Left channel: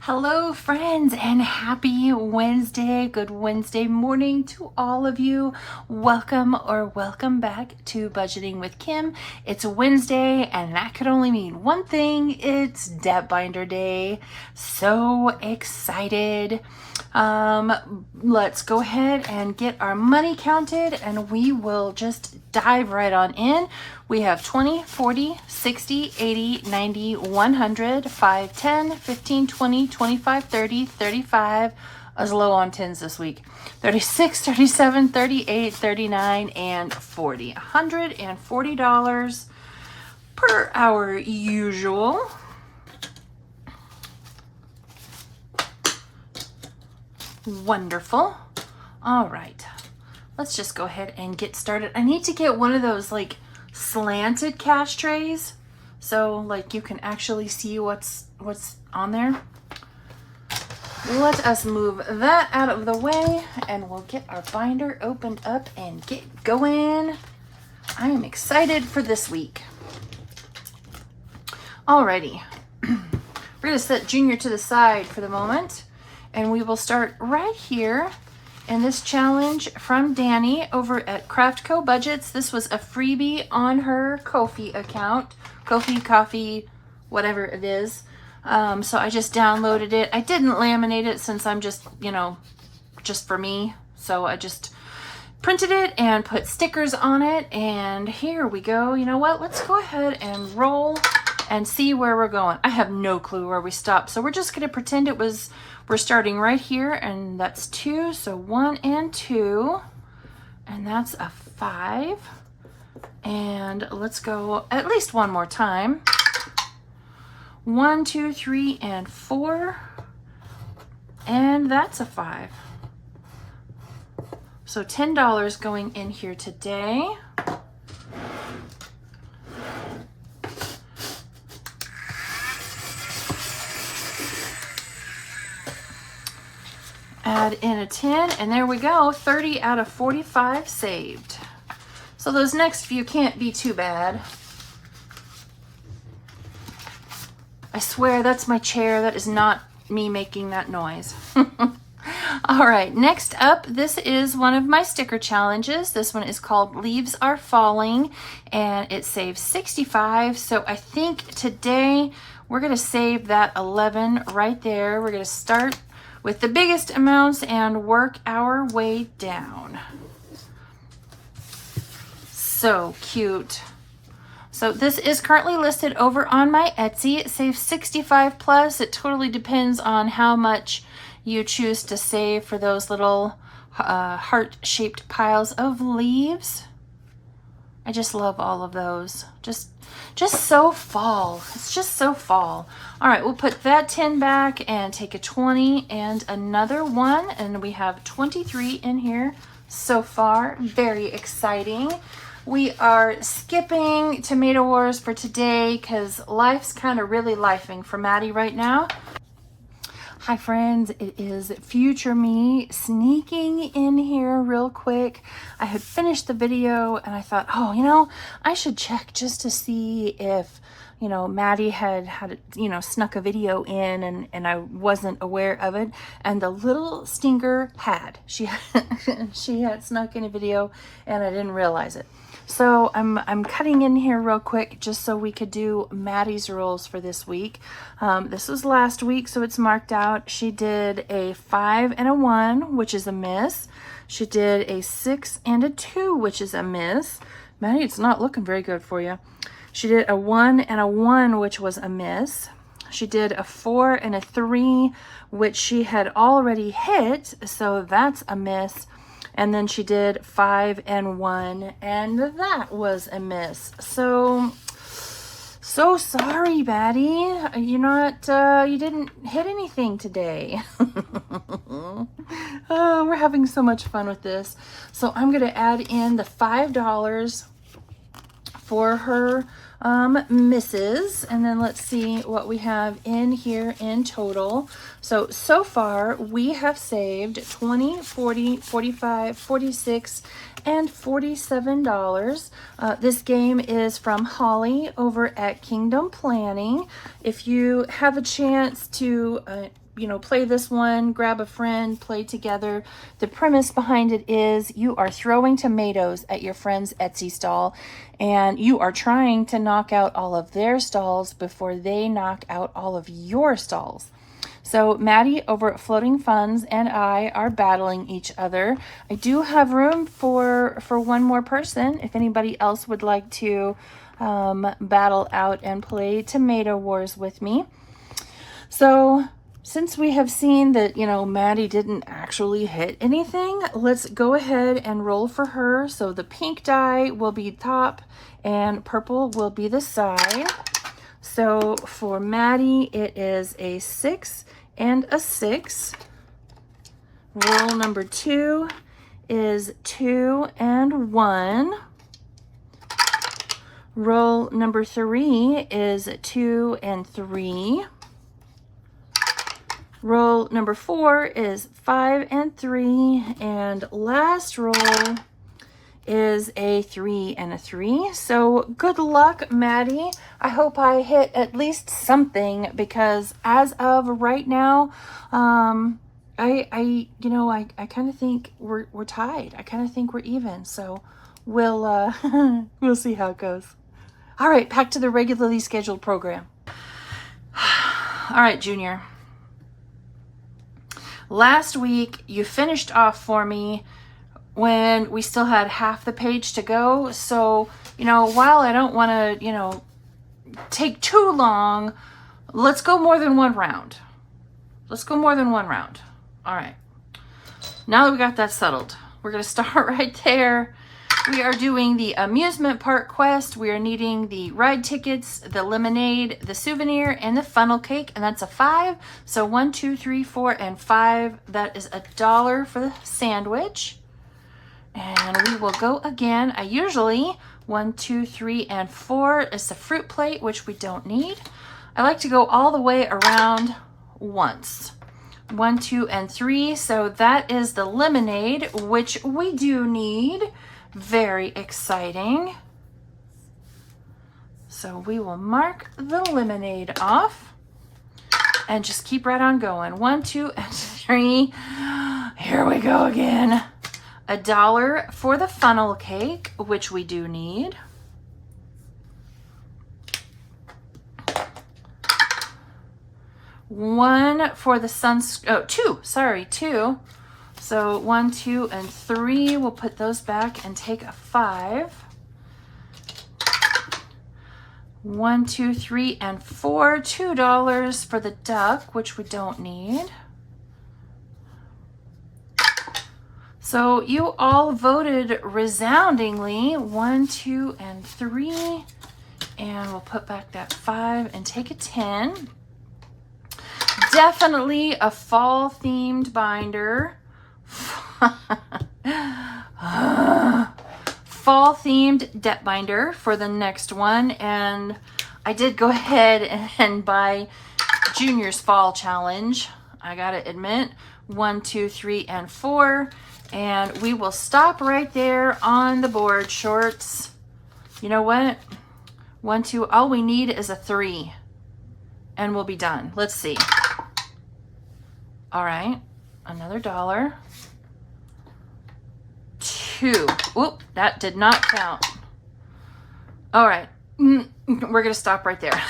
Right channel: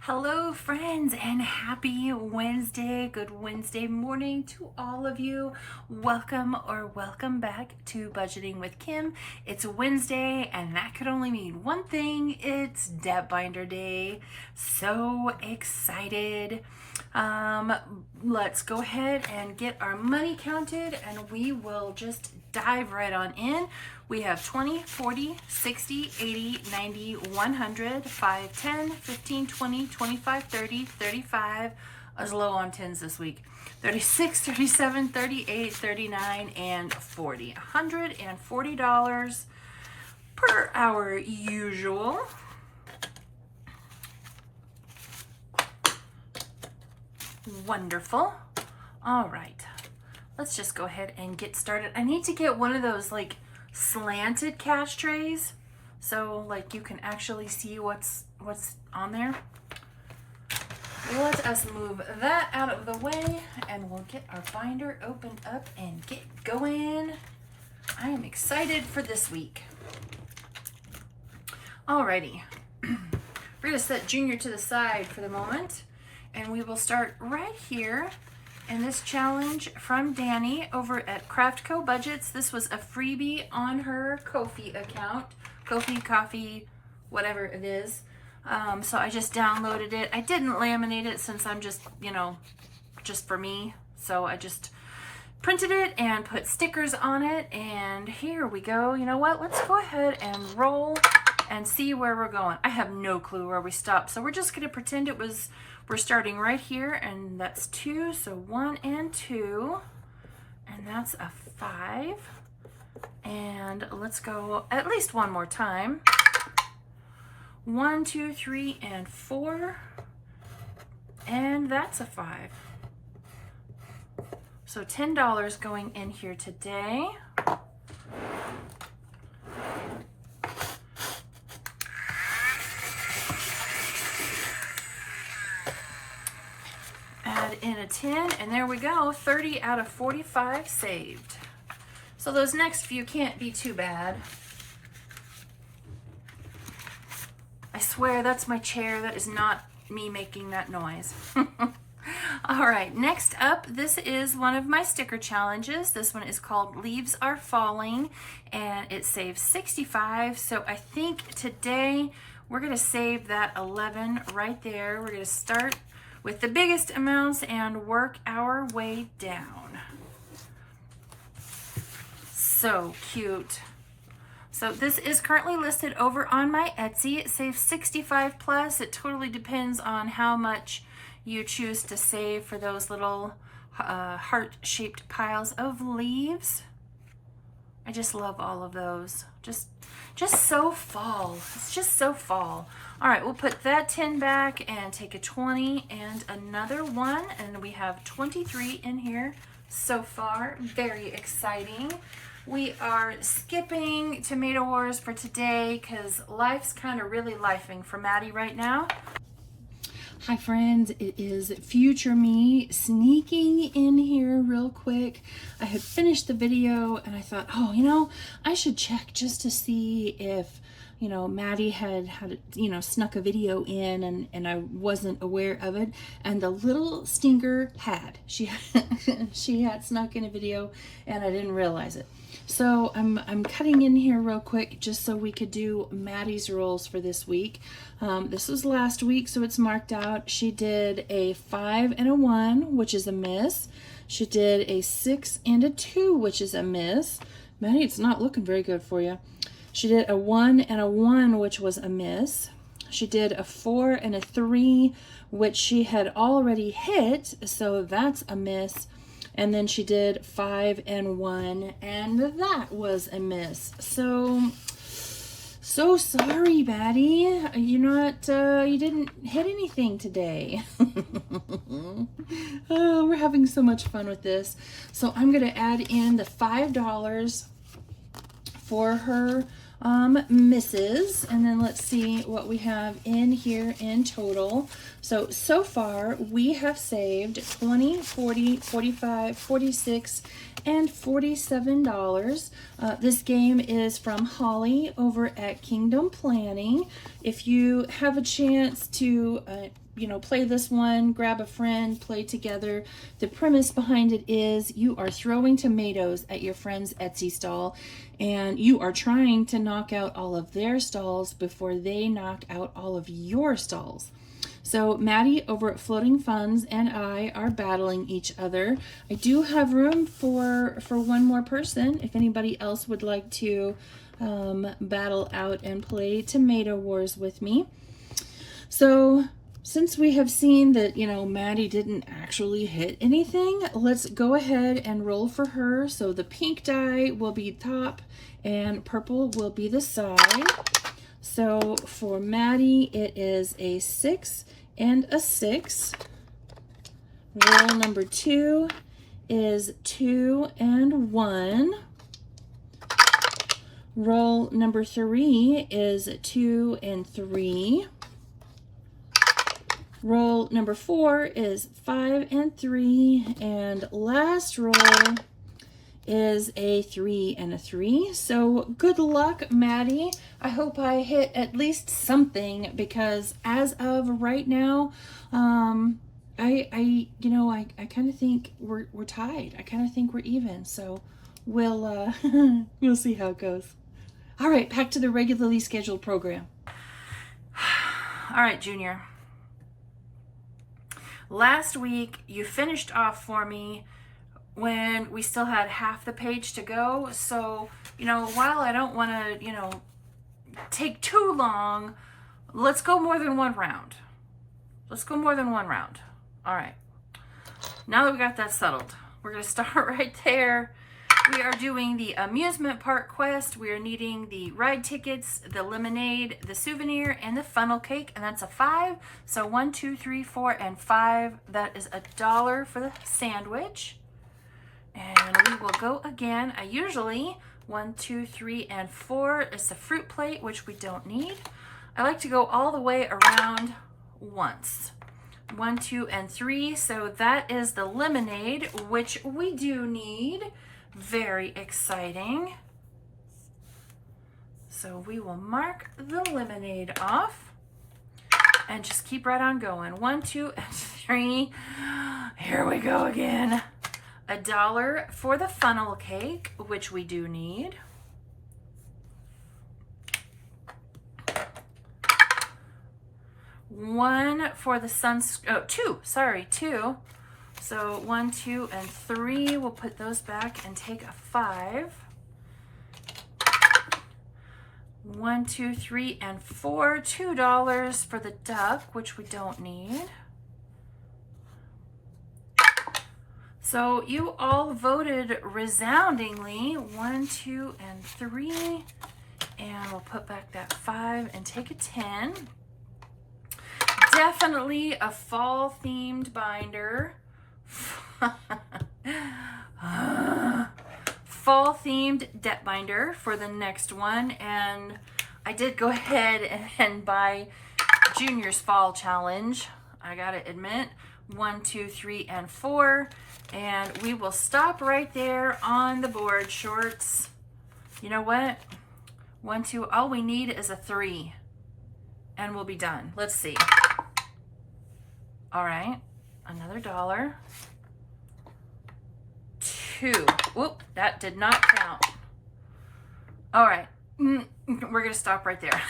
Hello friends, and happy Wednesday. Good Wednesday morning to all of you. Welcome back to Budgeting with Kim. It's Wednesday and that could only mean one thing. It's Debt Binder Day. So excited. Let's go ahead and get our money counted and we will just dive right on in. We have 20, 40, 60, 80, 90, 100, 5, 10, 15, 20, 25, 30, 35. I was low on 10s this week. 36, 37, 38, 39, and 40. $140 per our usual. Wonderful. All right. Let's just go ahead and get started. I need to get one of those like slanted cash trays so like you can actually see what's on there. Let us move that out of the way and we'll get our binder opened up and get going. I am excited for this week. Alrighty. We're gonna set Junior to the side for the moment and we will start right here. And this challenge from Danny over at Craftco Budgets. This was a freebie on her Ko-fi account. Ko-fi, coffee, whatever it is. So I just downloaded it. I didn't laminate it since I'm just, just for me. So I just printed it and put stickers on it. And here we go. You know what? Let's go ahead and roll and see where we're going. I have no clue where we stopped. So we're just going to pretend we're starting right here, and that's 2, so 1 and 2, and that's a 5. And let's go at least one more time. 1, 2, 3, and 4, and that's a 5. So $10 going in here today. Add in a 10, and there we go, 30 out of 45 saved. So those next few can't be too bad. I swear that's my chair. That is not me making that noise. All right, next up, this is one of my sticker challenges. This one is called Leaves Are Falling, and it saves 65. So I think today we're gonna save that 11 right there. We're gonna start with the biggest amounts and work our way down. So cute. So this is currently listed over on my Etsy. It saves 65 plus. It totally depends on how much you choose to save for those little heart-shaped piles of leaves. I just love all of those. Just so fall. It's just so fall. All right, we'll put that 10 back and take a 20 and another 1, and we have 23 in here so far. Very exciting. We are skipping Tomato Wars for today because life's kind of really lifing for Maddie right now. Hi friends, it is future me sneaking in here real quick. I had finished the video and I thought, oh, I should check just to see if, Maddie had snuck a video in and I wasn't aware of it. And the little stinker had. She had snuck in a video and I didn't realize it. So I'm cutting in here real quick just so we could do Maddie's rules for this week. This was last week, so it's marked out. She did a 5 and a 1, which is a miss. She did a 6 and a 2, which is a miss. Maddie, it's not looking very good for you. She did a 1 and a 1, which was a miss. She did a 4 and a 3, which she had already hit, so that's a miss. And then she did 5 and 1, and that was a miss. So sorry, Maddie. You didn't hit anything today. Oh, we're having so much fun with this. So I'm gonna add in the $5 for her misses. And then let's see what we have in here in total. So far we have saved 20, 40, 45, 46, and $47. This game is from Holly over at Kingdom Planning. If you have a chance to play this one, grab a friend, play together. The premise behind it is you are throwing tomatoes at your friend's Etsy stall, and you are trying to knock out all of their stalls before they knock out all of your stalls. So Maddie over at Floating Funds and I are battling each other. I do have room for one more person if anybody else would like to battle out and play Tomato Wars with me. So since we have seen that, Maddie didn't actually hit anything, let's go ahead and roll for her. So the pink die will be top and purple will be the side. So for Maddie, it is a 6 and a 6. Roll number 2 is 2 and 1. Roll number 3 is 2 and 3. Roll number 4 is 5 and 3, and last roll is a 3 and a 3. So good luck, Maddie. I hope I hit at least something, because as of right now, I kind of think we're tied. I kind of think we're even. So we'll we'll see how it goes. All right, back to the regularly scheduled program. All right, Junior. Last week, you finished off for me when we still had half the page to go. So, while I don't want to, take too long, let's go more than one round. Let's go more than one round. All right. Now that we got that settled, we're going to start right there. We are doing the amusement park quest. We are needing the ride tickets, the lemonade, the souvenir, and the funnel cake, and that's a 5. So 1, 2, 3, 4, and 5. That is $1 for the sandwich. And we will go again. I usually 1, 2, 3, and 4 is the fruit plate, which we don't need. I like to go all the way around once. 1, 2, and 3. So that is the lemonade, which we do need. Very exciting. So we will mark the lemonade off and just keep right on going. 1, 2, and 3. Here we go again. $1 for the funnel cake, which we do need. $1 for the $2. So 1, 2, and 3, we'll put those back and take a 5. 1, 2, 3, and 4, $2 for the duck, which we don't need. So you all voted resoundingly, 1, 2, and 3, and we'll put back that 5 and take a 10. Definitely a fall themed binder. Fall themed debt binder for the next one, and I did go ahead and buy Junior's fall challenge. I gotta admit, 1, 2, 3, and 4, and we will stop right there on the board. Shorts, you know what, 1, 2, all we need is a 3 and we'll be done. Let's see. All right, another $1. 2. Whoop, that did not count. All right, we're gonna stop right there.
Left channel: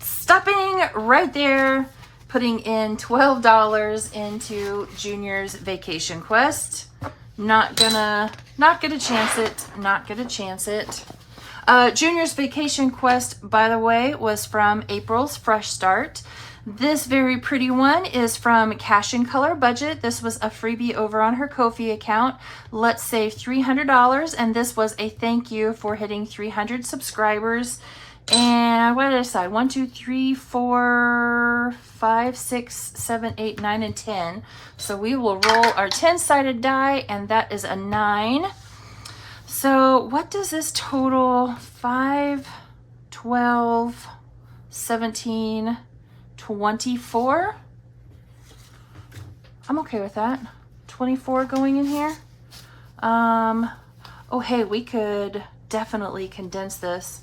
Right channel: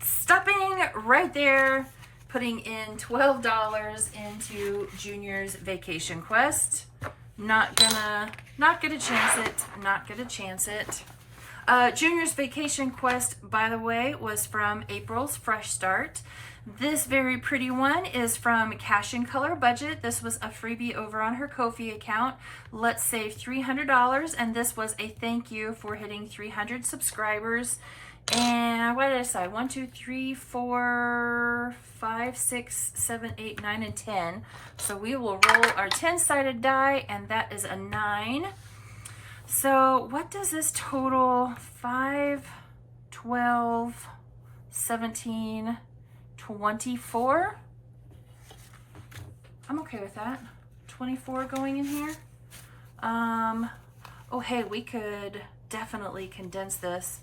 Stopping right there, putting in $12 into Junior's Vacation Quest. Not gonna chance it. Junior's Vacation Quest, by the way, was from April's Fresh Start. This very pretty one is from Cash and Color Budget. This was a freebie over on her Ko-fi account. Let's save $300, and this was a thank you for hitting 300 subscribers. And what did I decide? 1, 2, 3, 4, 5, 6, 7, 8, 9, and 10. So we will roll our 10-sided die, and that is a 9. So what does this total? 5, 12, 17, 24. I'm okay with that. 24 going in here. Oh, hey, we could definitely condense this.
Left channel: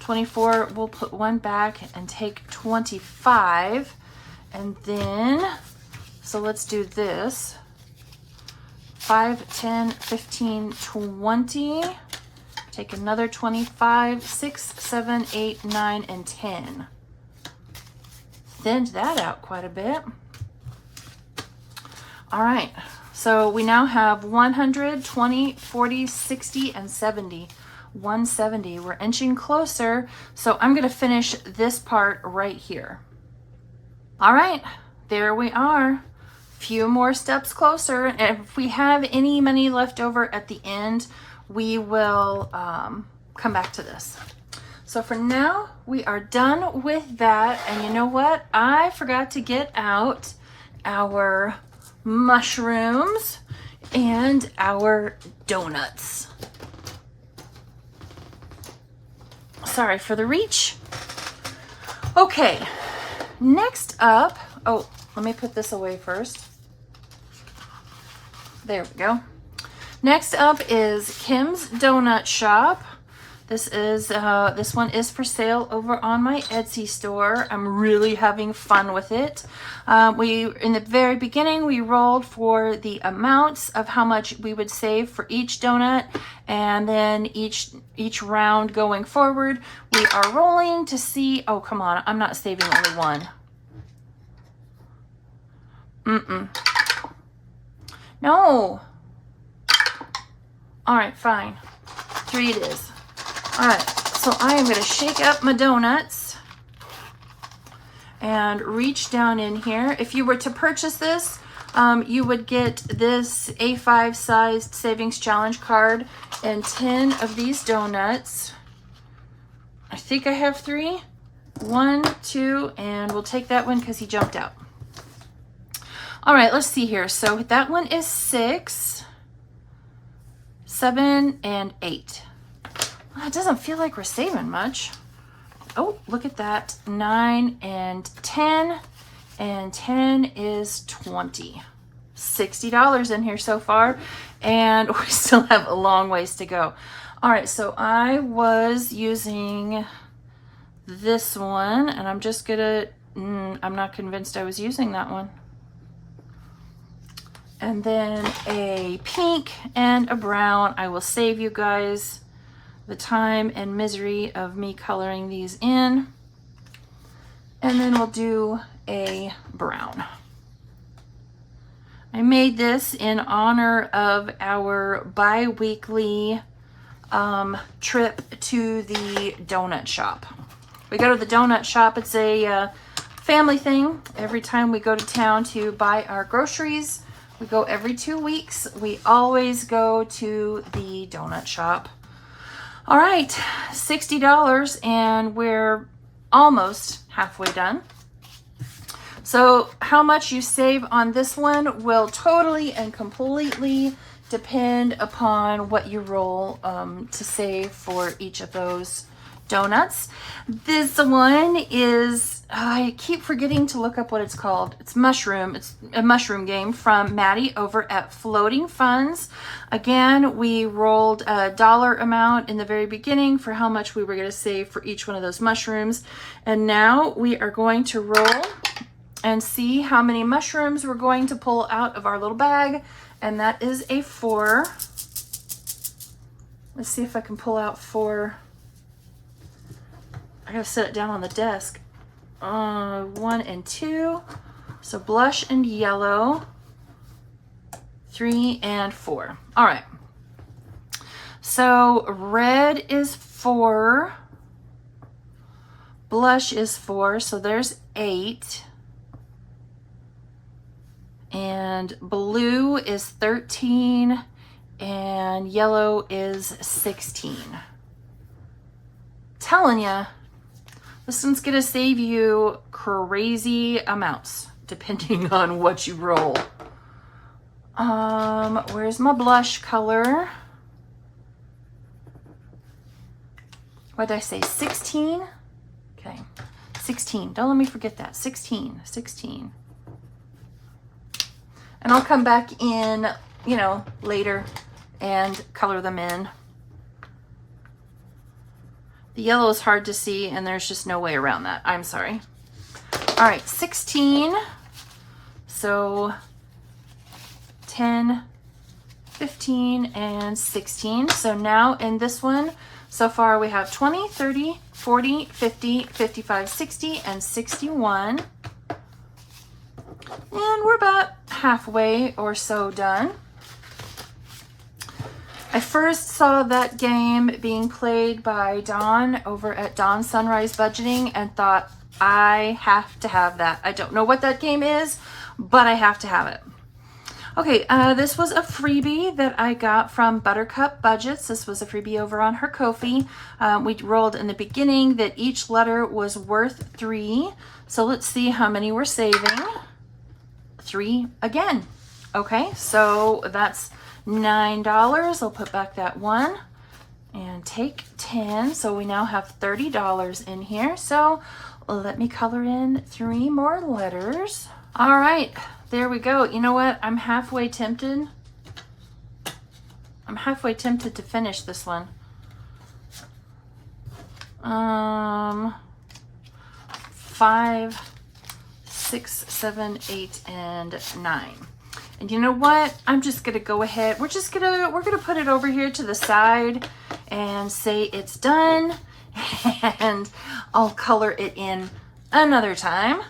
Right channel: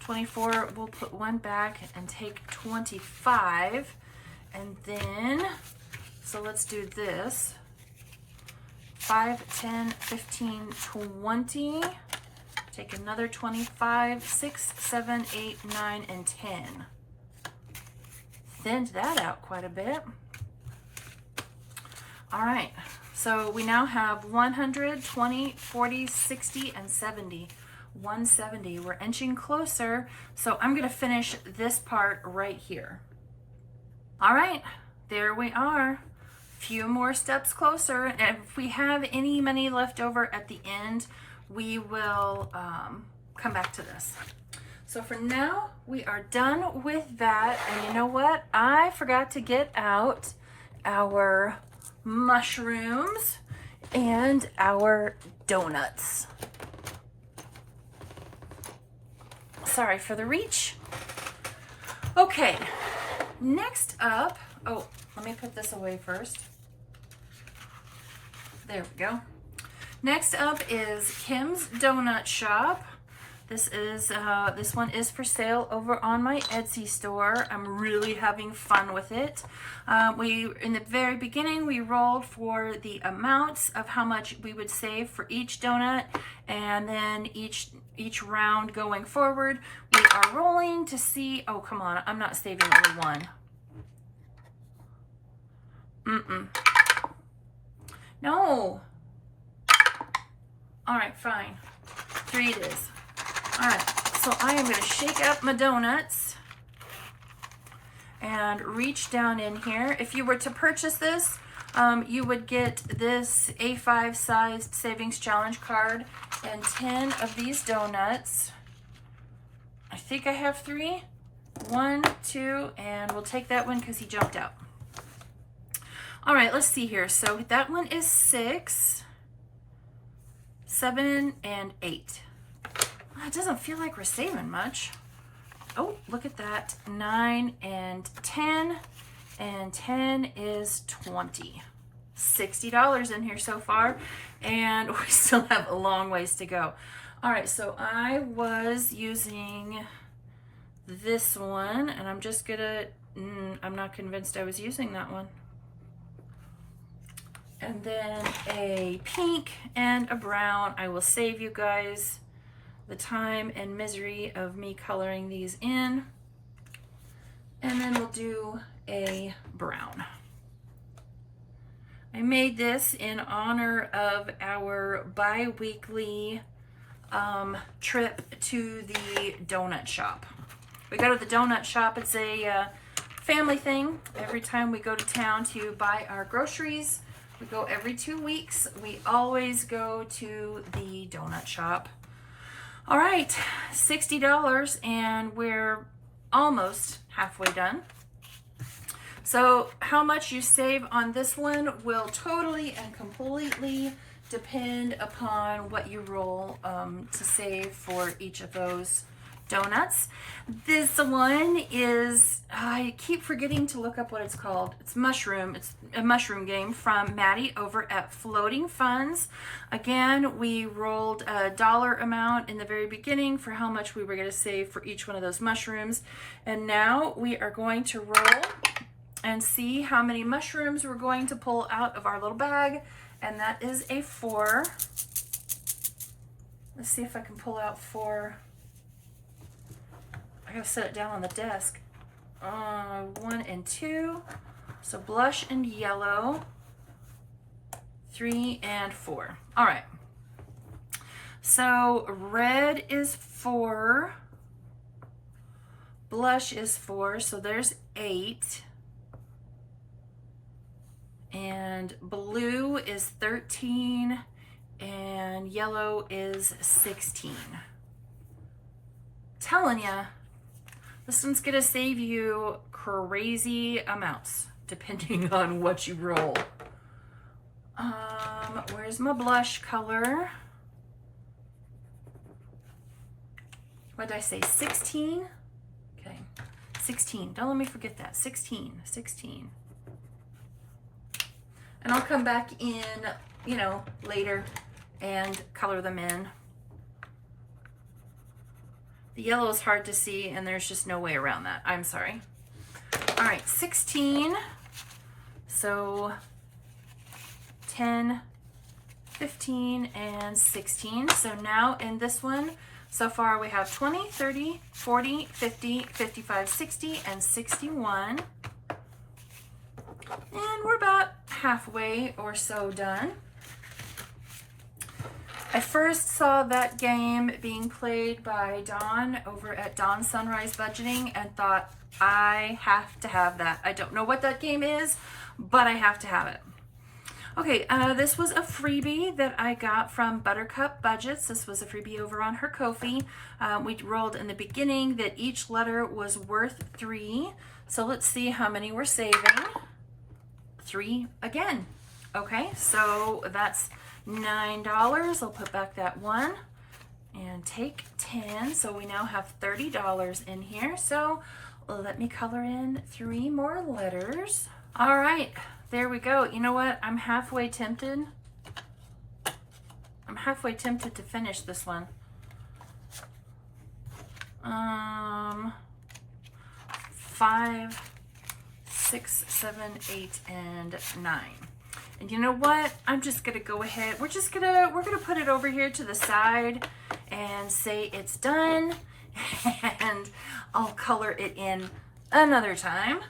24, we'll put one back and take 25. And then, so let's do this. 5, 10, 15, 20. Take another 25, 6, 7, 8, 9, and 10. Thinned that out quite a bit. All right, so we now have 100, 20, 40, 60, and 70. 170. We're inching closer, so I'm gonna finish this part right here. All right, there we are. Few more steps closer, and if we have any money left over at the end, we will come back to this. So for now, we are done with that, and you know what? I forgot to get out our mushrooms and our donuts. Sorry for the reach. Okay, next up, oh, let me put this away first. There we go. Next up is Kim's Donut Shop. This one is for sale over on my Etsy store. I'm really having fun with it. In the very beginning, we rolled for the amounts of how much we would save for each donut, and then each round going forward, we are rolling to see. Oh, come on! I'm not saving only one. No. All right, fine. 3 it is. All right, so I am gonna shake up my donuts and reach down in here. If you were to purchase this, you would get this A5 sized savings challenge card and 10 of these donuts. I think I have 3. 1, 2, and we'll take that one because he jumped out. All right, let's see here. So that one is 6, 7, and 8. Well, it doesn't feel like we're saving much. Oh, look at that. 9 and 10, and 10 is 20. $60 in here so far, and we still have a long ways to go. All right, so I was using this one, and I'm just gonna, I'm not convinced I was using that one. And then a pink and a brown. I will save you guys the time and misery of me coloring these in. And then we'll do a brown. I made this in honor of our bi-weekly trip to the donut shop. We go to the donut shop. It's a family thing. Every time we go to town to buy our groceries, we go every 2 weeks. We always go to the donut shop. All right, $60, and we're almost halfway done. So how much you save on this one will totally and completely depend upon what you roll to save for each of those donuts. This one is, I keep forgetting to look up what it's called. It's mushroom. It's a mushroom game from Maddie over at Floating Funds. Again, we rolled a dollar amount in the very beginning for how much we were going to save for each one of those mushrooms. And now we are going to roll and see how many mushrooms we're going to pull out of our little bag. And that is a 4. Let's see if I can pull out 4. I gotta set it down on the desk. 1 and 2. So blush and yellow. 3 and 4. All right. So red is 4. Blush is 4. So there's 8. And blue is 13. And yellow is 16. Telling ya. This one's gonna save you crazy amounts depending on what you roll. Where's my blush color? what did I say, 16? Okay, 16, don't let me forget that, 16. And I'll come back in, you know, later and color them in. The yellow is hard to see and there's just no way around that. I'm sorry. All right, 16. So 10, 15, and 16. So now in this one, so far we have 20, 30, 40, 50, 55, 60, and 61. And we're about halfway or so done. I first saw that game being played by Dawn over at Dawn Sunrise Budgeting and thought, I have to have that. I don't know what that game is, but I have to have it. Okay, this was a freebie that I got from Buttercup Budgets. This was a freebie over on her Ko-fi. We rolled in the beginning that each letter was worth 3. So let's see how many we're saving. 3 again. Okay, so that's $9. I'll put back that 1 and take 10. So we now have $30 in here. So let me color in 3 more letters. All right, there we go. You know what? I'm halfway tempted. To finish this one. 5, 6, 7, 8, and 9. And you know what? I'm just gonna go ahead. We're gonna put it over here to the side and say it's done. And I'll color it in another time.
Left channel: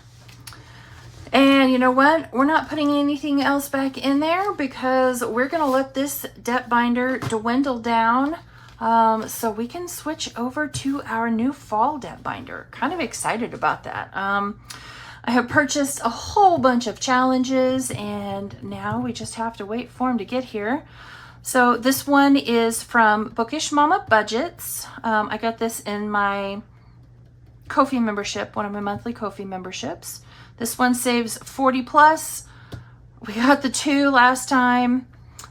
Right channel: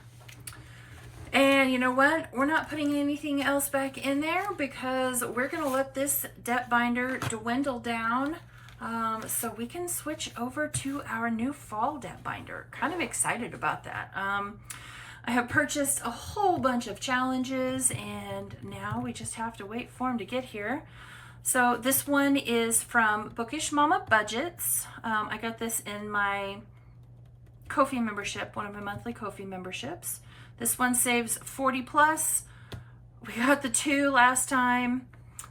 And you know what? We're not putting anything else back in there because we're gonna let this depth binder dwindle down so we can switch over to our new fall depth binder. Kind of excited about that. I have purchased a whole bunch of challenges and now we just have to wait for them to get here. So this one is from Bookish Mama Budgets. I got this in my Ko-fi membership, one of my monthly Ko-fi memberships. This one saves 40 plus. We got the 2 last time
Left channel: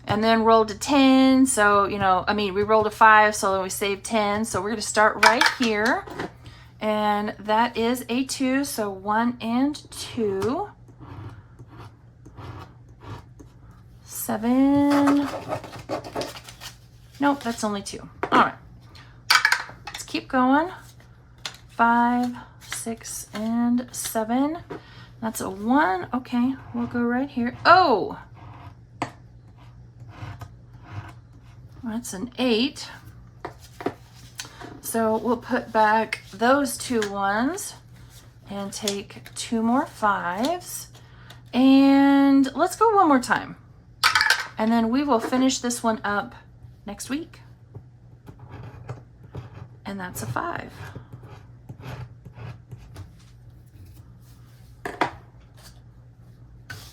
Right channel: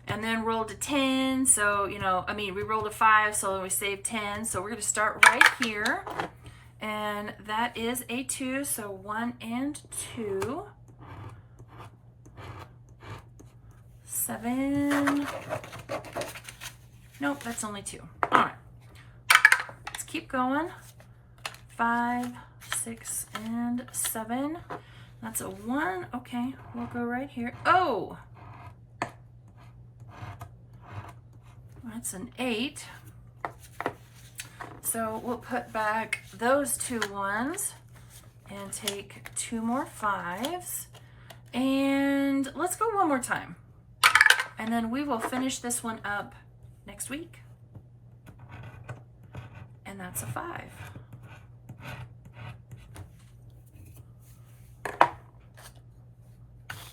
and then rolled a 10. So, you know, I mean, we rolled a 5, so we saved 10. So we're gonna start right here. And that is a 2, so 1 and 2. 7. Nope, that's only 2. All right, let's keep going. 5, 6, and 7. That's a 1. Okay, we'll go right here. Oh, that's an 8. So we'll put back those 2 1s and take 2 more 5s. And let's go one more time. And then we will finish this one up next week. And that's a 5.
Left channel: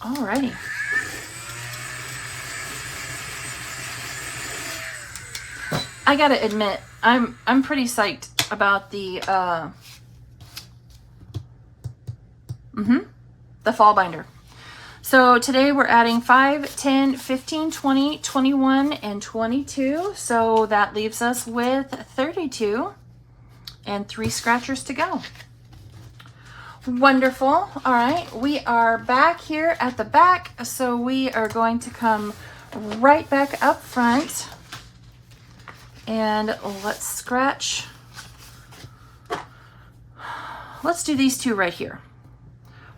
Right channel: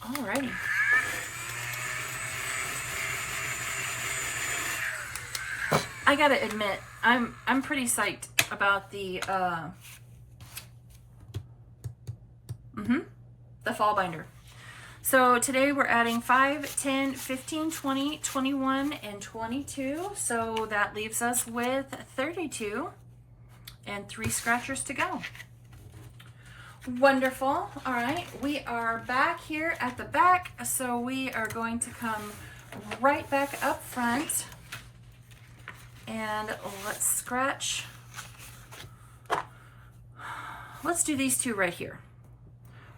Alrighty. I gotta admit, I'm pretty psyched about the fall binder. So today we're adding 5, 10, 15, 20, 21, and 22. So that leaves us with 32 and 3 scratchers to go. Wonderful. All right, we are back here at the back. So we are going to come right back up front and let's scratch. Let's do these 2 right here.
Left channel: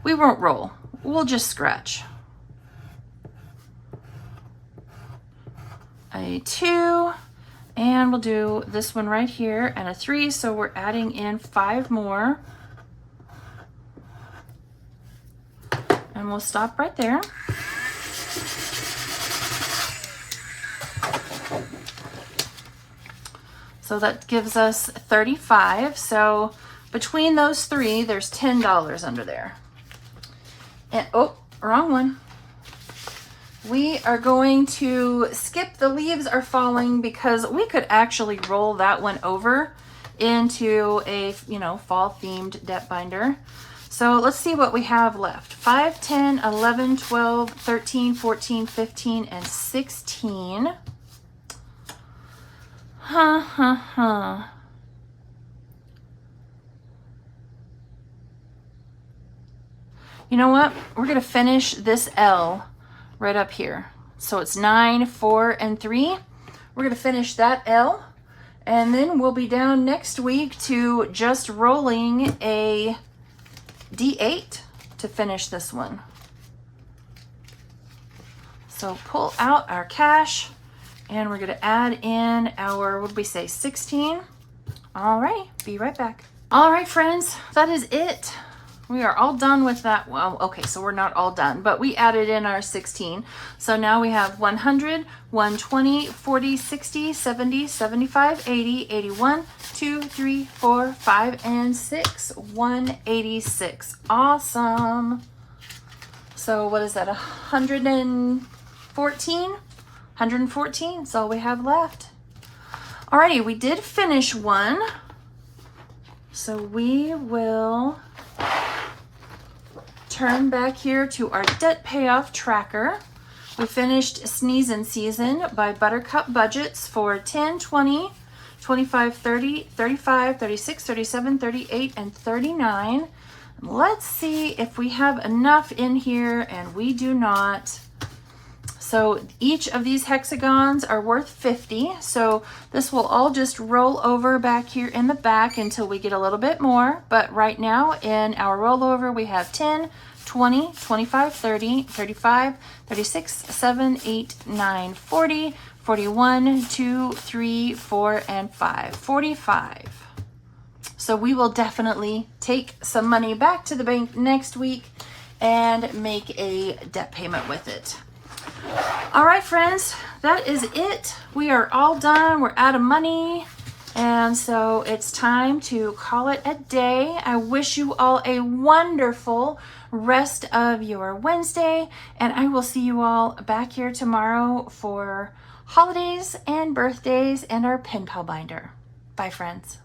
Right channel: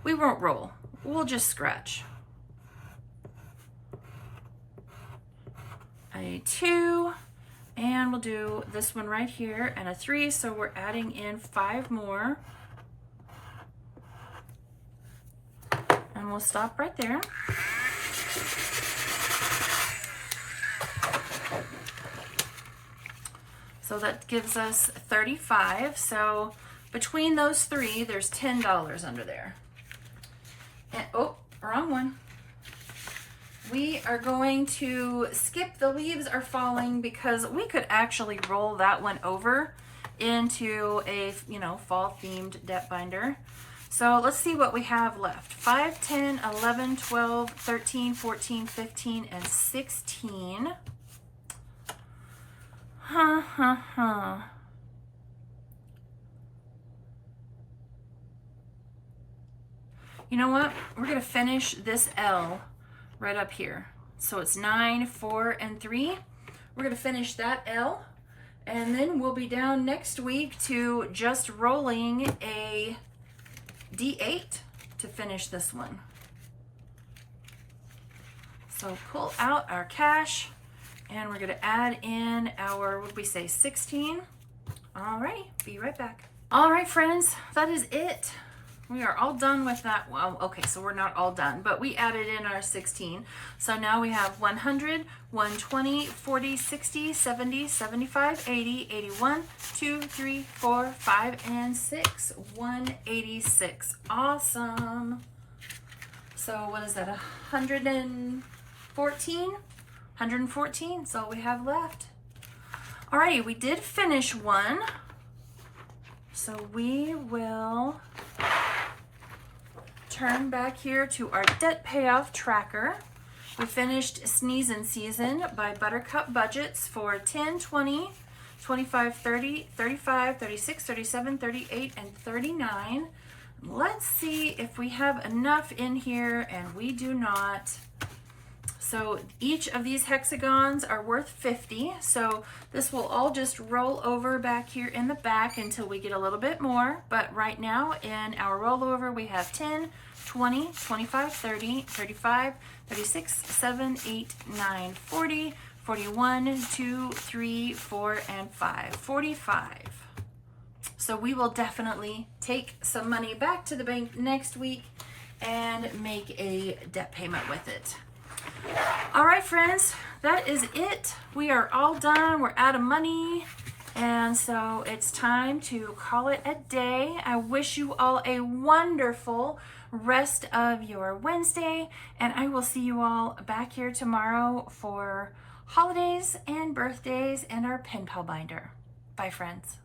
We won't roll. We'll just scratch. A 2, and we'll do this one right here, and a 3, so we're adding in 5 more. And we'll stop right there. So that gives us 35. So between those 3, there's $10 under there. And, oh, wrong one. We are going to skip the leaves are falling because we could actually roll that one over into a, you know, fall themed depth binder. So let's see what we have left. 5, 10, 11, 12, 13, 14, 15, and 16. You know what? We're going to finish this L right up here. So it's 9, 4, and 3. We're going to finish that L, and then we'll be down next week to just rolling a D8 to finish this one. So pull out our cash, and we're going to add in our, what did we say, 16? All right, be right back. All right, friends, that is it. We are all done with that. Well, okay, so we're not all done, but we added in our 16. So now we have 100, 120, 40, 60, 70, 75, 80, 81, 2, 3, 4, 5, and 6. 186. Awesome. So what is that, 114? 114, that's all we have left. Alrighty, we did finish one. So we will turn back here to our debt payoff tracker. We finished Sneezin' Season by Buttercup Budgets for 10, 20, 25, 30, 35, 36, 37, 38, and 39. Let's see if we have enough in here, and we do not. So each of these hexagons are worth 50. So this will all just roll over back here in the back until we get a little bit more. But right now in our rollover, we have 10, 20, 25, 30, 35, 36, 7, 8, 9, 40, 41, 2, 3, 4, and 5. 45. So we will definitely take some money back to the bank next week and make a debt payment with it. All right, friends, that is it. We are all done. We're out of money. And so it's time to call it a day. I wish you all a wonderful rest of your Wednesday. And I will see you all back here tomorrow for holidays and birthdays and our pen pal binder. Bye, friends.